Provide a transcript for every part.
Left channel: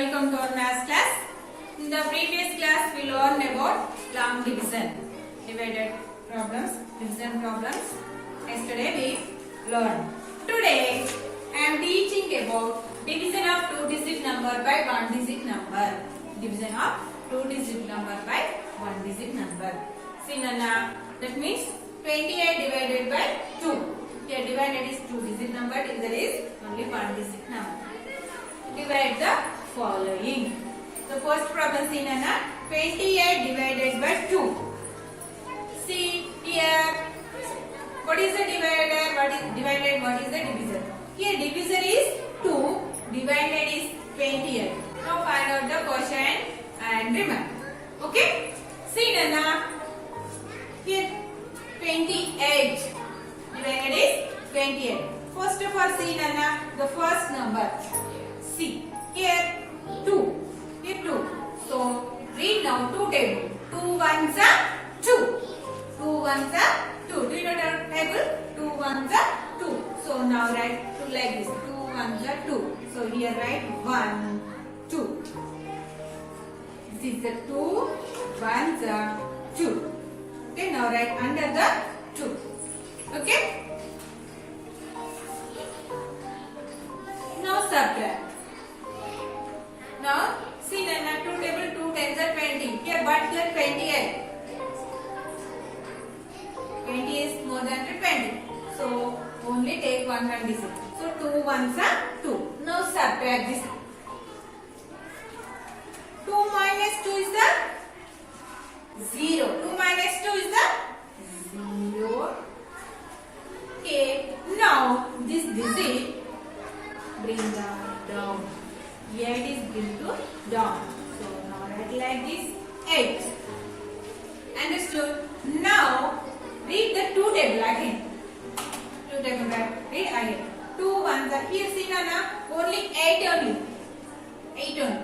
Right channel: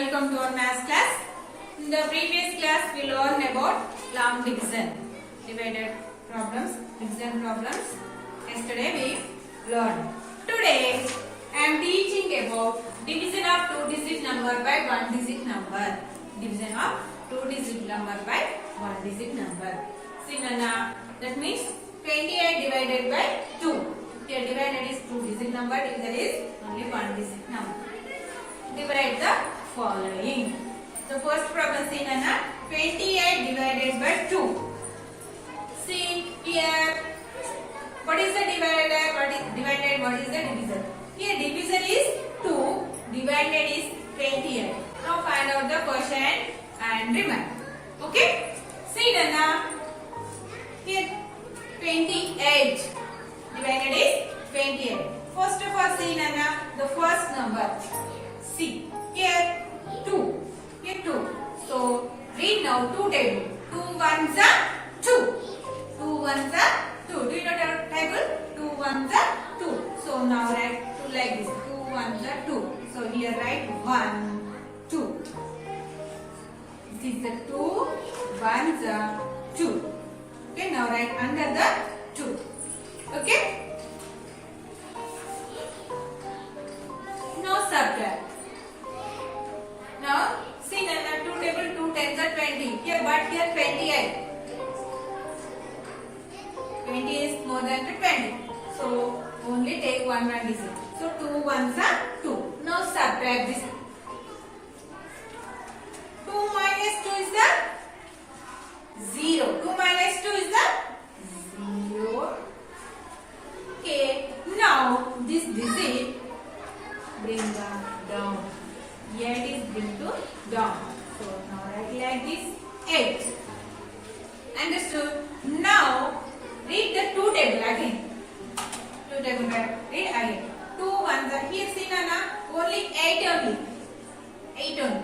Welcome to our maths class. In the previous class, we learned about long division, divided problems, division problems. Yesterday we learned. Today, I am teaching about division of two-digit number by one-digit number. Division of two-digit number by one-digit number. See, Nana, that means 28 divided by 2. Here divided is two-digit number, divisor is only one-digit number. Divide the following. The first problem, see Nana, 28 divided by 2. See here, what is the divider? What is divided? What is the divisor? Here divisor is 2, divided is 28. Now find out the quotient and remember. Okay? See Nana, here 28 divided is 28. First of all, see Nana, the first number. See, here 2, here 2. So, read now 2 table. 2 ones are 2. 2 ones are 2. Do you know the table? 2 ones are 2. So, now write 2 like this. 2 ones are 2. So, here write 1, 2. This is the 2 ones are 2. Okay, now write under the 2. Okay? Now subtract. Now, see Nana, 2 table, 2 tens are 20. Here, but here 28. 20 is more than 20. So, only take one digit. So, 2 ones are 2. Now, subtract this. 2 minus 2 is the 0. 2 minus 2 is the 0. Okay. Now, this digit bring down. Here it is bring to down. So now write like this 8. Understood? Now read the 2 table again. 2 table read again. 2 ones are here, see Nana, only 8 only. 8 only.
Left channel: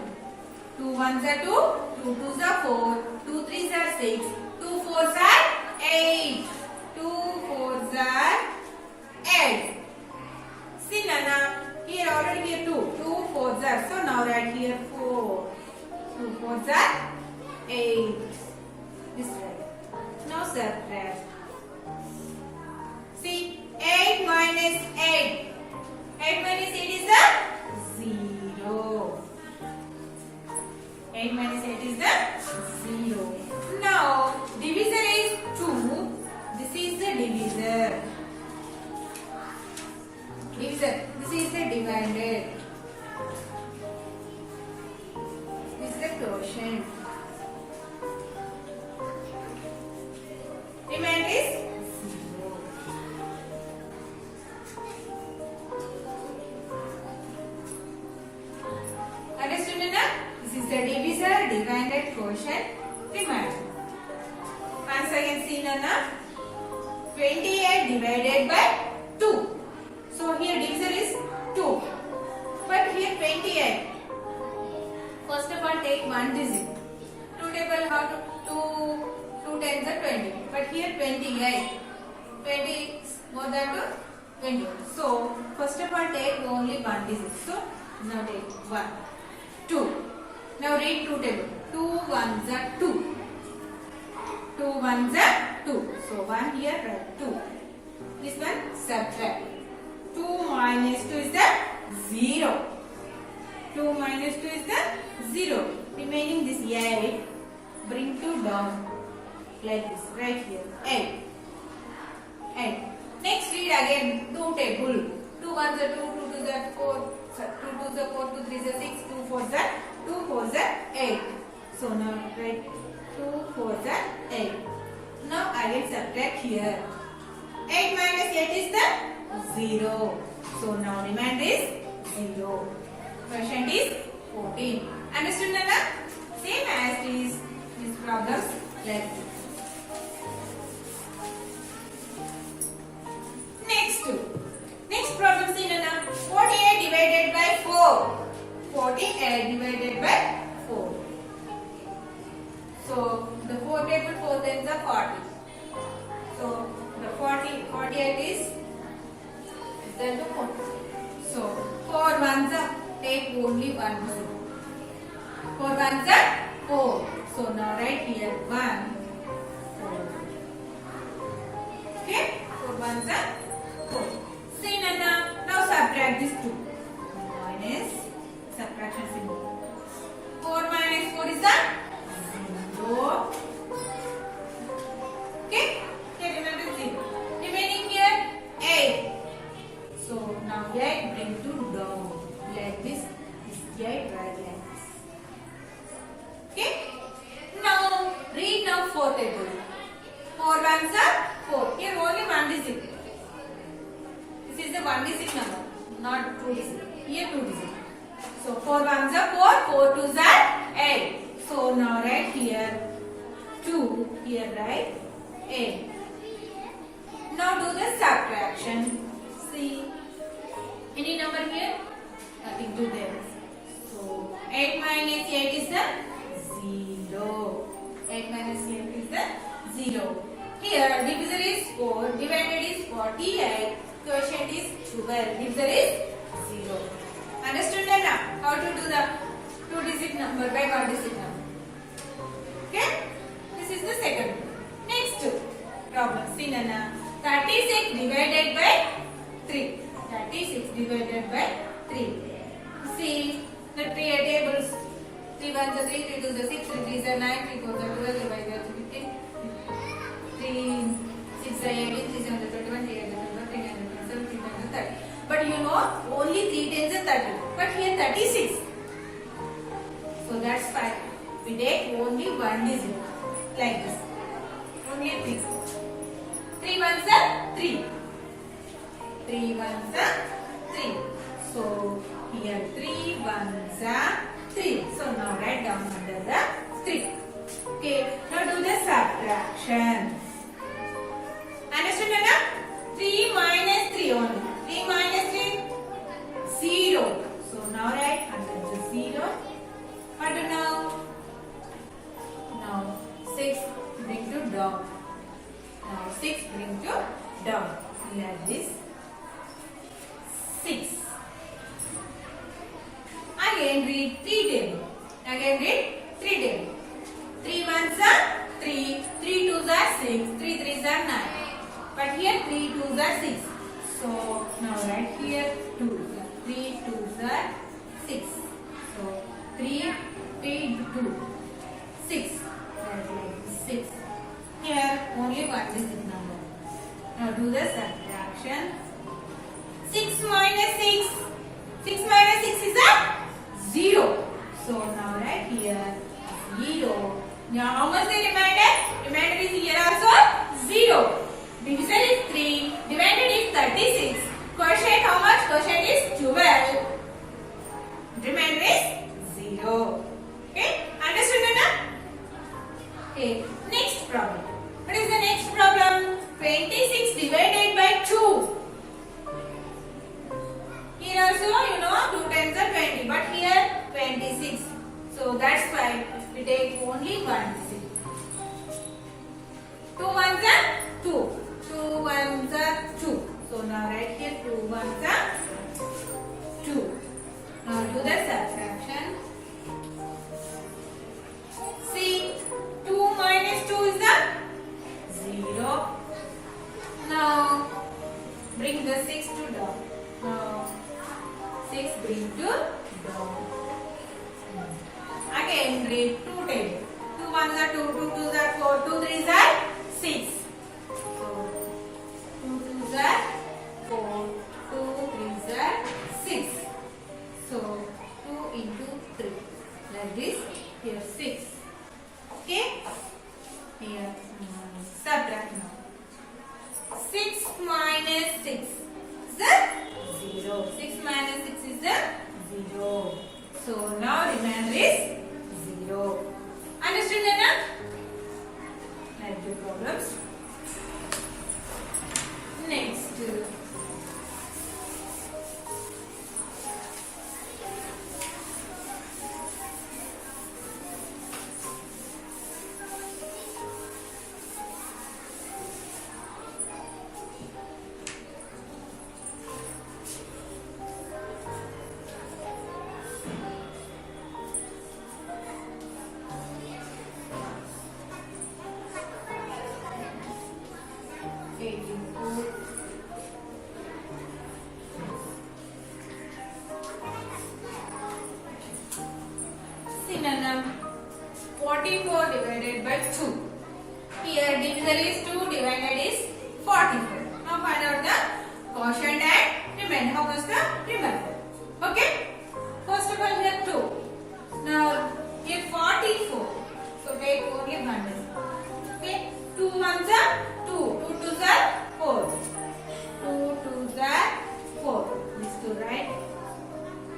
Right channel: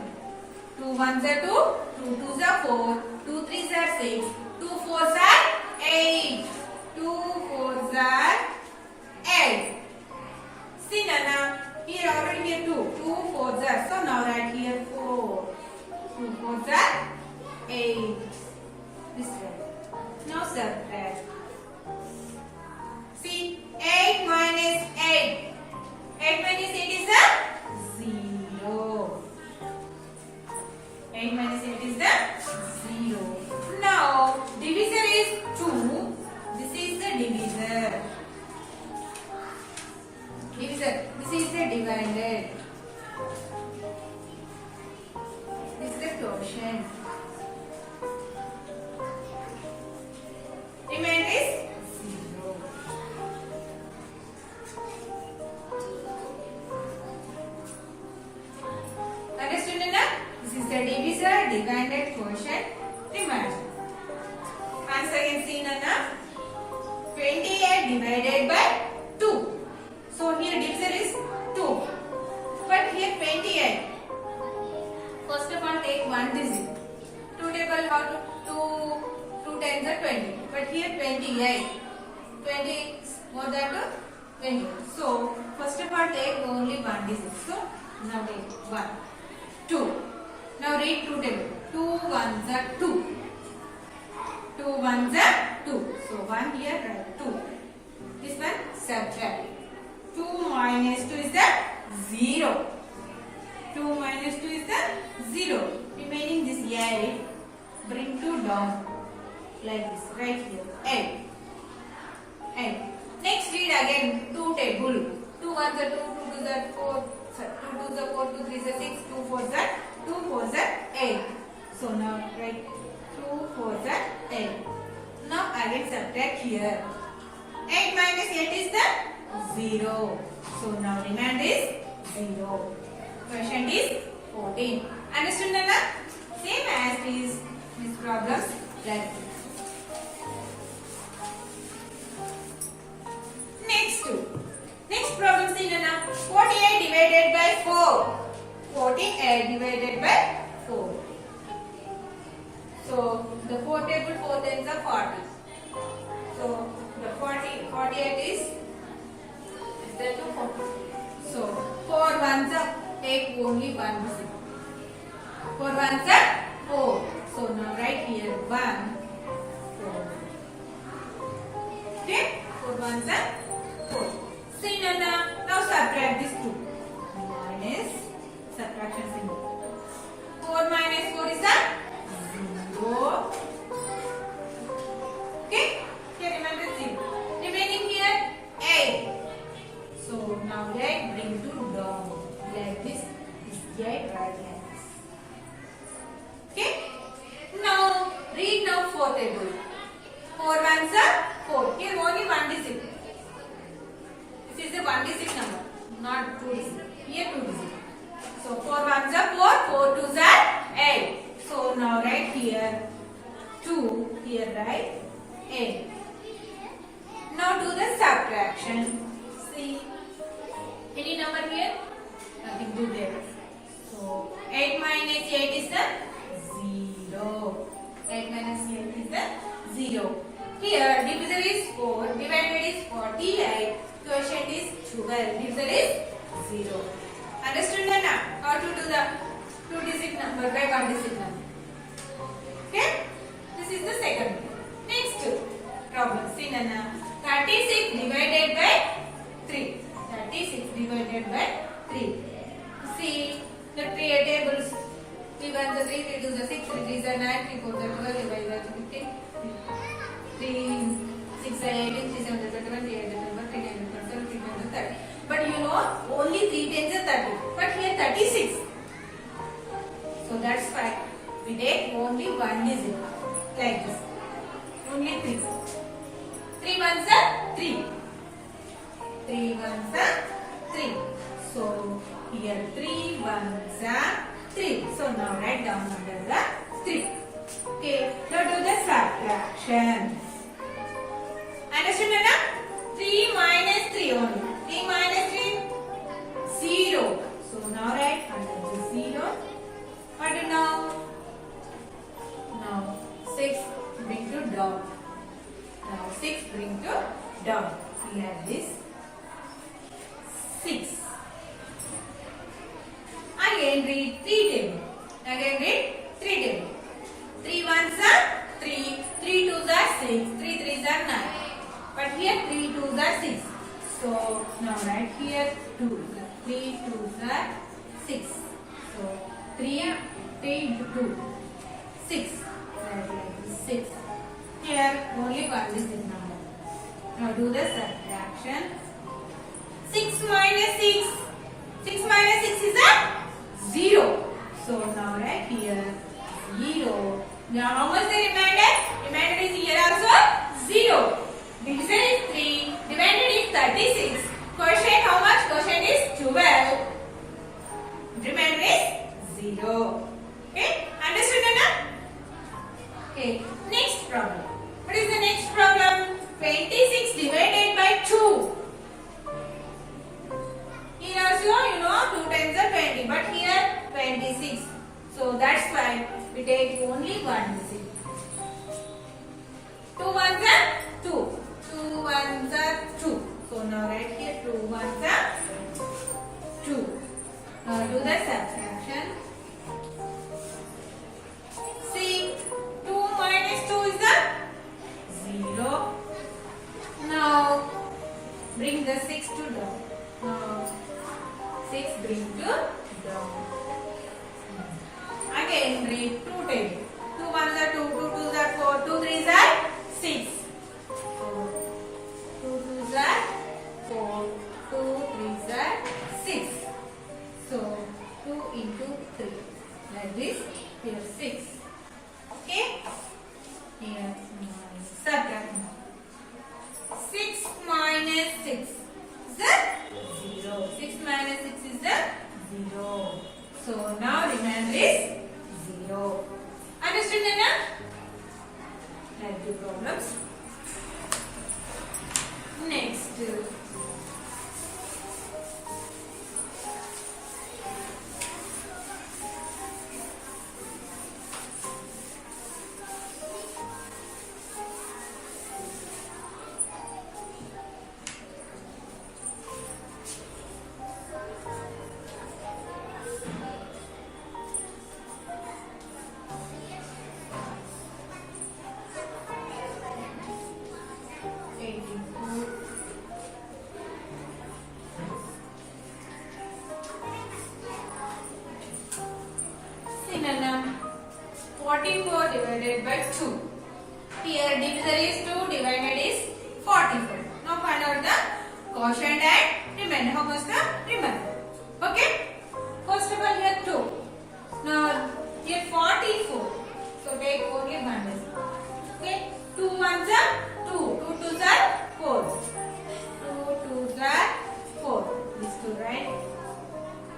2 ones are 2, 2 twos are 4, 2 threes are 6, 2 fours are 8. 2 fours are 8. See Nana, here already here 2. 2 fours are. So now write here 4. 2 fours are 8. This way. Now subtract. See, 8 minus 8. 8 minus 8 is the 0. 8 minus 8 is the 0. Now, divisor is 2. This is the divisor. Divisor. This is the divided. This is the quotient. Remainder is 0. Understood enough? This is the divisor, divided, quotient, remainder. Once again, see Nana. 28 divided by 2. So here divisor is 2, but here 28. First of all, take one digit. 2 table, how to 2 tens are 20, but here 28. 20 is more than 20. So first of all, take only one digit. So now take 1, 2. Now read 2 table. 2 ones are 2. 2 ones are 2. So 1 here, write 2. This one subtract. 2 minus 2 is the 0. 2 minus 2 is the 0. Remaining this 8, bring 2 down like this, right here. 8. 8. Next read again 2 table. 2 ones are 2, 2 twos are 4, 2 twos are 4, 2 threes are 6, 2 fours are 2 fours are 8. So now write 2 fours are 8. Now again subtract here. 8 minus 8 is the 0. So now remainder is 0. Quotient is 14. Understood Nana? Same as these problems like this. Next problem, see Nana. 48 divided by 4. 48 divided by 4. So the 4 table 4 tens are 40. So the 48 is equal to 40. So 4 ones are take only one digit. 4 ones are 4. So now write here 1, 4. Okay? 4 ones are 4. See Nana, now subtract this 2. Minus subtraction symbol. 4 minus 4 is a 0. Okay? Here remember 0. Remaining here 8. So now 8 bring to down like this. This 8 right like this. Okay? Now read now 4 table. 4 ones are 4. Here only 1 digit. This is the 1 digit number, not 2 digit. Here 2 digit. So 4 ones are 4, 4 twos are 8. So now write here 2, here write 8. Now do the subtraction. See, any number here? Nothing to there. So 8 minus 8 is the 0. 8 minus 8 is the 0. Here divisor is 4, divided is 48, quotient is 12, divisor is 0. Understood Nana? How to do the 2 digit number by 1 digit number. Okay? This is the second. Next problem. See Nana. 36 divided by 3. 36 divided by 3. See the tables. 3 ones are 3, 3 twos are 6, 3 threes are 9, 3 fours are 12, 3 fives are 15, 3 6 are 18, 3 sevens are 21, 3 eights are 21, 3 nines are 27, 3 tens are 30. But you know only 3 tens are 30. But here 36. So that's fine. We take only 1 digit like this. Only 3. 3 ones are 3. 3 ones are 3. So here 3 ones are 3. So now write down under the 3. Okay. Now do the subtraction. Understand Nana? 3 minus 3 only. 3 minus 3 0. So now write under the 0. What do now? Now 6 bring to down. Now 6 bring to down. We have this 6. Again read 3 table. Again read 3 table. 3 ones are 3, 3 twos are 6, 3 threes are 9. But here 3 twos are 6. So now write here 2. 3 twos are 6. So 3, 3, 2, 6. 6. Here only 1 digit number. Now do the subtraction. 6 minus 6. 6 minus 6 is a 0. So now write here 0. Now how much the remainder? Remainder is here also 0. Divisor is 3. Divided is 36. Quotient how much? Quotient is 12. Remainder is 0. Okay? Understood Nana? Okay. Next problem. What is the next problem? 26 divided by 2. Here also you know 2 times are 20. But here 26. So that's why we take only 1 digit. 2 ones are 2. 2 ones are 2. So now write here 2 ones are 2. Now do the subtraction. See 2 minus 2 is the 0. Now bring the 6 to down. Now 6 bring to down. Again read 2 table. 2 ones are 2, 2 twos are 4, 2 threes are 6. So 2 twos are 4, 2 threes are 6. So 2 into 3. Like this. Here 6. Okay. Here subtract now. 6 minus 6 is the 0. 6 minus 6 is the 0. So now remainder is 0. Understood Nana? Like the problems. Next. synonym 44 divided by 2. Here divisor is 2, divided is 44. Now find out the quotient and remainder. How much the remainder? Okay. First of all here 2. Now here 44. So take only one decimal. Okay. 2 ones are 2. 2 twos are 4. 2 twos are 4. These two, right?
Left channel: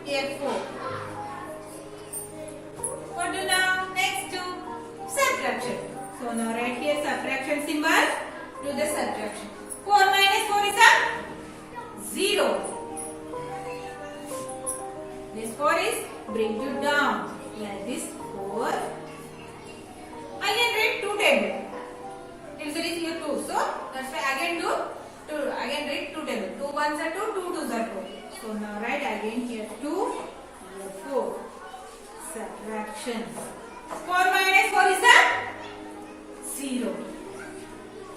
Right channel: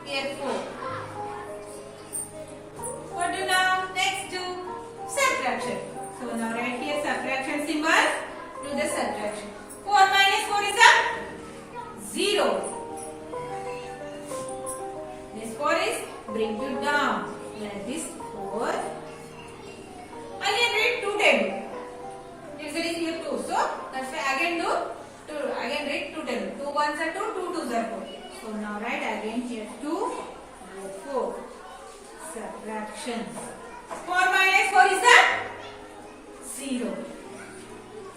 Here 4. What do now? Next do subtraction. So now write here subtraction symbol. Do the subtraction. 4 minus 4 is a 0. This 4 is bring it down. Like this 4. Again read 2 table. If there is here 2. So that's why again do 2. Again read 2 table. 2 ones are 2, 2 twos are 4. So now write again here 2, 4. Subtraction. 4 minus 4 is a 0.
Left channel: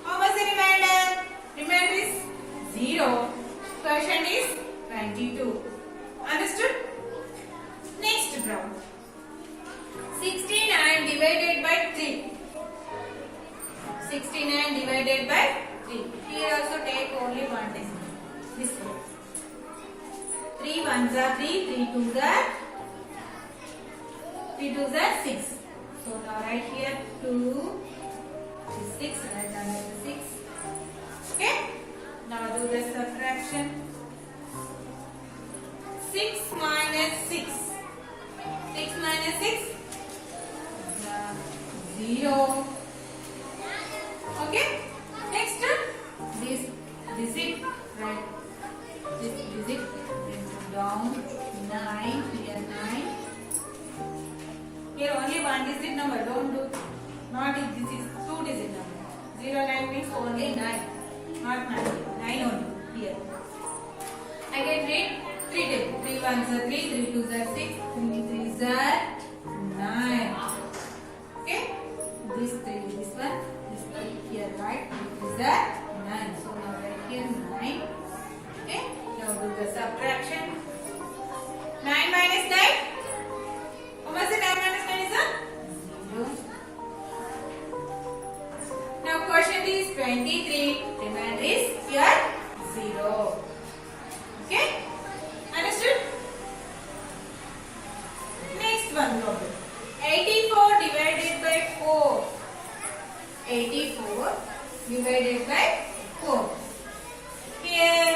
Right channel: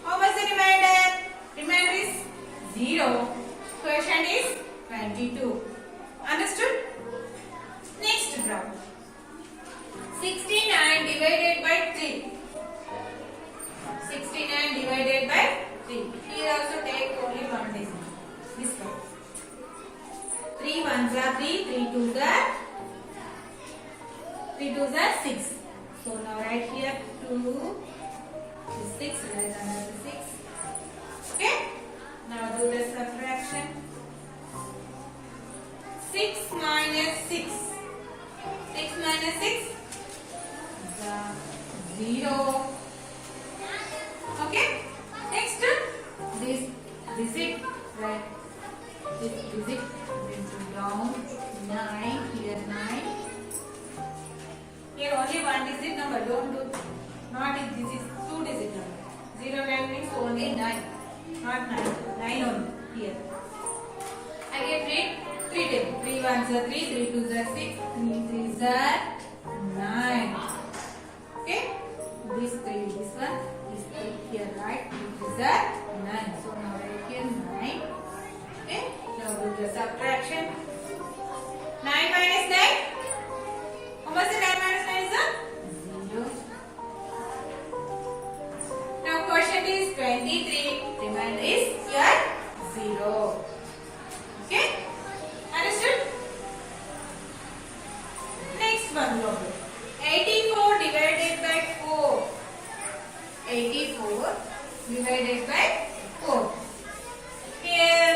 How much the remainder? Remainder is 0. Quotient is 22. Understood? Next problem. 69 divided by 3. 69 divided by 3. Here also take only one decimal. This one. 3 ones are 3, 3 twos are 6. So now write here 2 is 6, write under the 6. Okay? Now do the subtraction. 6 minus 6. 6 minus 6 is 0. Okay? Next this digit, right? This digit down 9, here 9. Here only one digit number, don't do not if this is 2 digit number. 0 9 means only 9, not 9. 9 only here. Again read 3 table. 3 ones are 3, 3 twos are 6, 3 threes are 9. Okay? This 3, this one, this 3 here, right? 3 twos are 9. So now write here 9. Okay? Now do the subtraction. 9 minus 9. How much is 9 minus 9 is a 0. Now quotient is 23. Remainder is here 0. Okay? Understood? Next one problem. 84 divided by 4. 84 divided by 4. Here,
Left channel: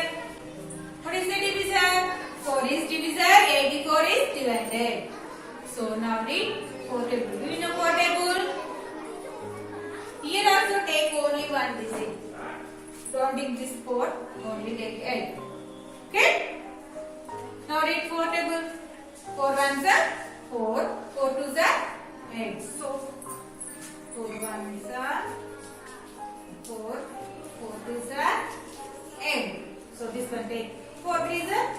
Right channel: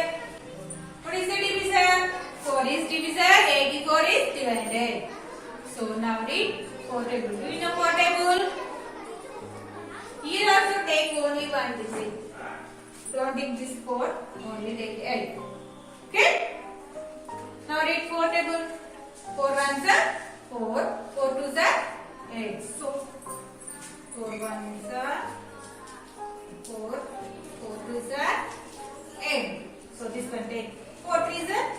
what is the divisor? 4 is divisor, 84 is divided. So now read 4 table. Do you know 4 table? Here also take only one digit. Don't take this 4, only take 8. Okay? Now read 4 table. 4 ones are 4, 4 twos are 8. So 4 ones are 4, 4 twos are 8. So this one take 4 threes are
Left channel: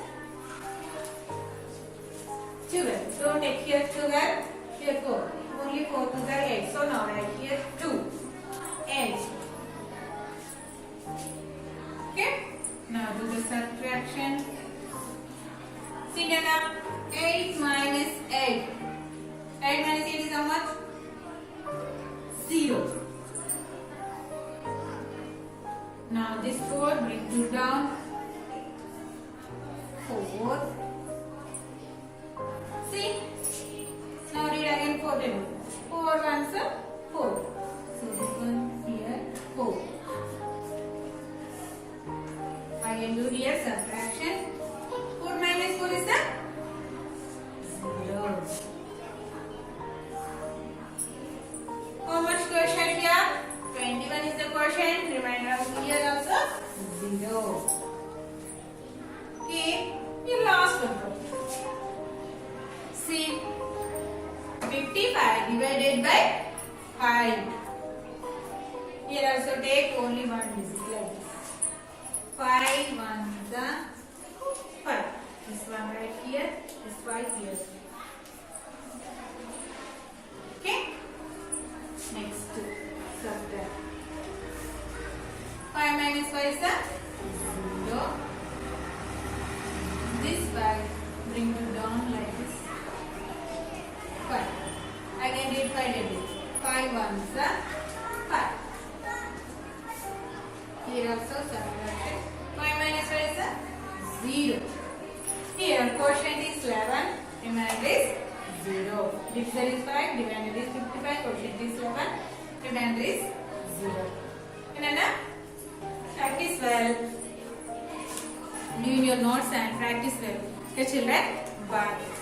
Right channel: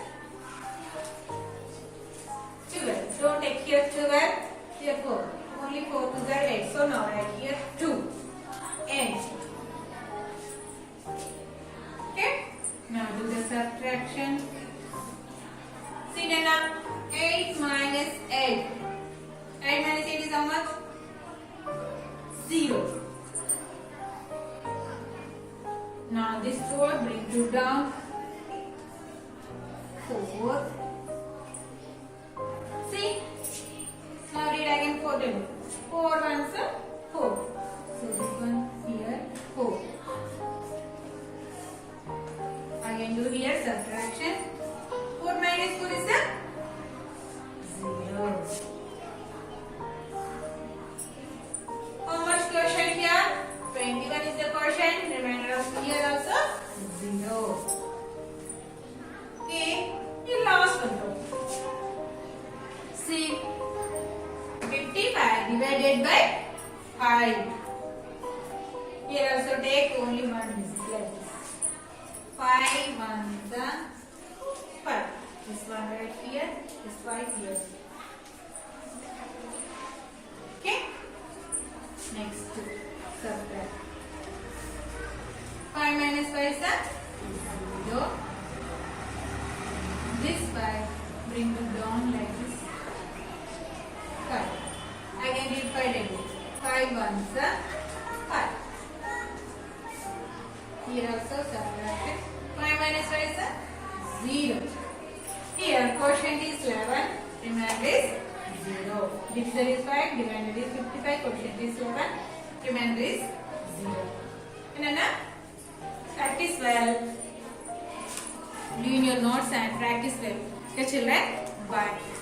12. Don't take here 12, here 4. Only 4 twos are 8. So now write here 2. 8. Okay? Now do the subtraction. See now 8 minus 8. 8 minus 8 is how much? 0. Now this 4 bring 2 down. 4. See? Now read again 4 table. 4 ones are 4. So this one here 4. Again do here subtraction. 4 minus 4 is a 0. How much quotient here? 21 is the quotient. Remainder of here also 0. Okay. The last one. See. 55 divided by 5. Here also take only one digit like this. 5 ones are 5. This one right here, this 5 here. Okay? Next, subtract. 5 minus 5 is 0. This 5 bring it down like this. 5. ones are 5. Here also subtraction. 5 minus 5 is 0. Here quotient is 11, remainder is 0. Divisor is 5, dividend is 55, quotient is 11, remainder is 0. And practice well. Do in your notes and practice well. Okay children, bye.